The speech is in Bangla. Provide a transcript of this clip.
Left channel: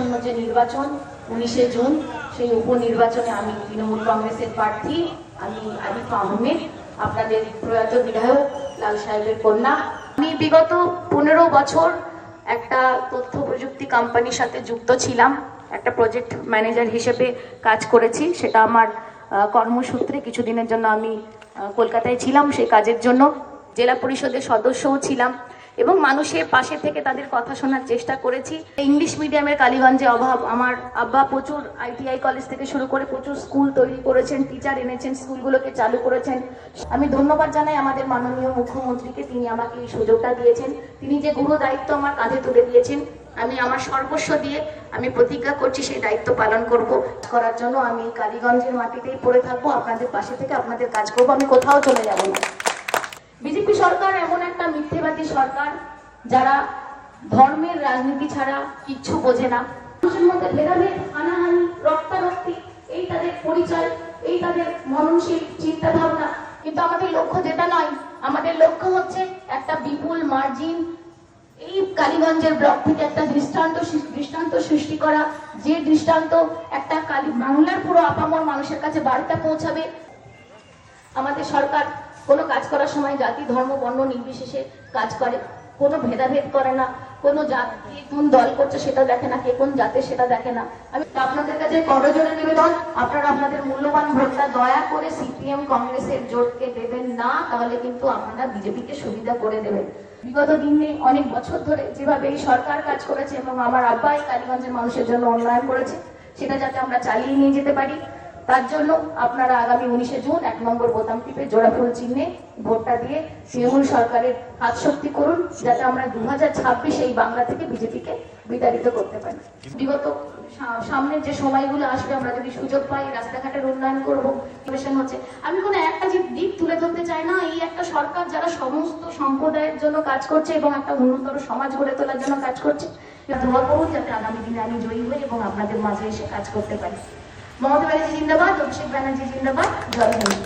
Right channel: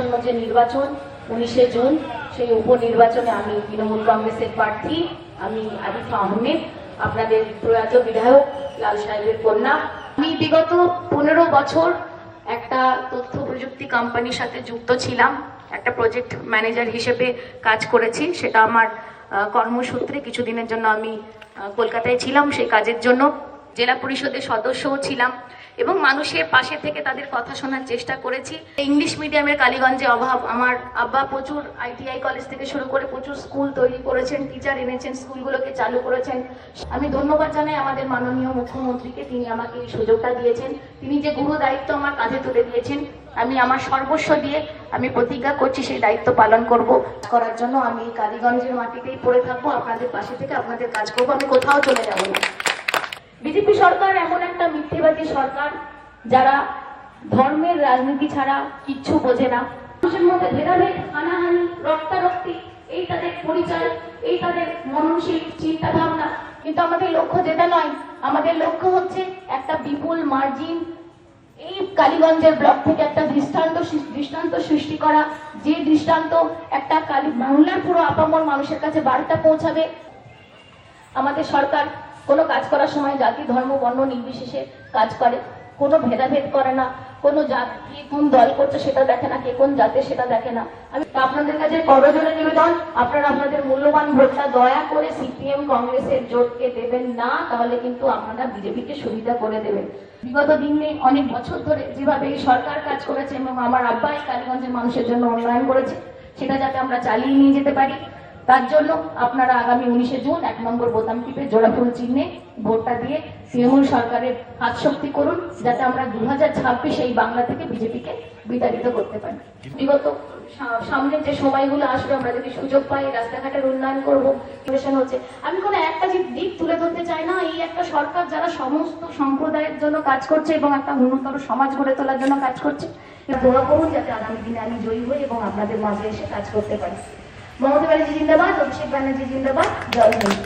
আসন্ন যে নির্বাচন 19শে জুন, সেই উপনির্বাচনে আমি তৃণমূল কংগ্রেসের প্রার্থী, আমি আরিফা আহমেদ, আপনাদের প্রয়াত বিধায়ক লাল সাহেবের কন্যা। আমি বিগত 15 বছর একটা তথ্য প্রযুক্তি কোম্পানির সাথে যুক্ত ছিলাম, একটা প্রজেক্ট ম্যানেজার হিসেবে কাজ করেছি। সেটা আমার কর্মসূত্রে কিছুদিনের জন্য আমি কলকাতায় ছিলাম, সেই কাজের জন্য জেলা পরিষদের সদস্যও ছিলাম এবং মানুষের পাশে থেকে তাদের কথা শোনার চেষ্টা করেছি। ইংলিশ মিডিয়ামের কালীগঞ্জে অভাব, আমার আব্বা প্রচুর ITI কলেজ থেকে শুরু করে প্রচুর স্কুল তৈরি করেছেন, টিচার এনেছেন, স্কুলগুলোকে চালু করেছেন। আমি ধন্যবাদ জানাই আমাদের মাননীয় মুখ্যমন্ত্রীকে, তিনি আমাকে এই সুযোগটা দিয়েছেন, তিনি যে গুরু দায়িত্ব আমার কাঁধে তুলে দিয়েছেন। আমি আমার সর্বস্ব দিয়ে আমি প্রতিজ্ঞা করছি সেই দায়িত্ব পালন করার জন্য। আমি কালীগঞ্জের মাটিতেই পড়ে থাকবো, আপনাদের পাশে থেকে আপনাদের কাজ করবো, আমি কোথাও চলে যাবো না। বিজেপি সরকার এমন একটা মিথ্যেবাদী সরকার যারা ধর্মের রাজনীতি ছাড়া কিচ্ছু বোঝে না। মানুষের মধ্যে ভেদাভেদ, হানাহানি, রক্তারক্তি, এই তাদের পরিচয়, এই তাদের মননশীল চিন্তা ভাবনা। কিন্তু আমাদের লক্ষ্য যেটা নয়, আমাদের লক্ষ্য হচ্ছে একটা বিপুল মার্জিন এই কালীগঞ্জের ব্লক থেকে একটা দৃষ্টান্ত সৃষ্টি করা, যে দৃষ্টান্ত একটা বাংলার পুরো আপামর মানুষের কাছে বার্তা পৌঁছাবে। আমাদের সরকার কোনো কাজ করার সময় জাতি ধর্ম বর্ণ নির্বিশেষে কাজ করে, কোনো ভেদাভেদ করে না, কোনো জাতি কোন দল করছে সেটা দেখে না, কে কোন জাতে সেটা দেখে না। আমি আপনাদের কাছে করজোড়ে নিবেদন, আপনারা আপনাদের মূল্যবান ভোটটা দয়া করে CPM কংগ্রেসের জোটকে দেবেন না, তাহলে কিন্তু আপনারা বিজেপিকে সুবিধা করে দেবেন। বিগত দিনে অনেক বছর ধরে যেভাবে এই সরকার কাজ করেছে এবং আমার আব্বাই কালীগঞ্জের মানুষের জন্য উন্নয়ন করেছে, সেটা যাতে আমরা চালিয়ে নিয়ে যেতে পারি, তার জন্য আপনারা আগামী 19শে জুন 1 নম্বর বোতাম টিপে জোড়াফুল চিহ্নে ভোটটা দিয়ে তৃণমূল সরকারের হাত শক্তি করুন, যাতে আমরা 2026 এই বাংলা থেকে বিজেপিকে বিতাড়িত করতে পারি। বিগত সামনের যে সময়গুলো আসবে, আমরা যদি সুযোগ পাই রাস্তাঘাটের উন্নয়ন করবো। হচ্ছে আমি কোনো একটা দিক তুলে ধরতে চাই না, এই একটা সরকার যারা সমস্ত সম্প্রদায়ের জন্য কাজ করছে এবং একটা উন্নত সমাজ গড়ে তোলার জন্য কাজ করছে। দোয়া করুন যাতে আগামী দিনে আমি জয়ী হই এবং আপনাদের মাঝে এসে কাজ করতে পারি। মমতা ব্যানার্জি জিন্দাবাদ, অভিষেক ব্যানার্জি জিন্দাবাদ, জয় হিন্দ।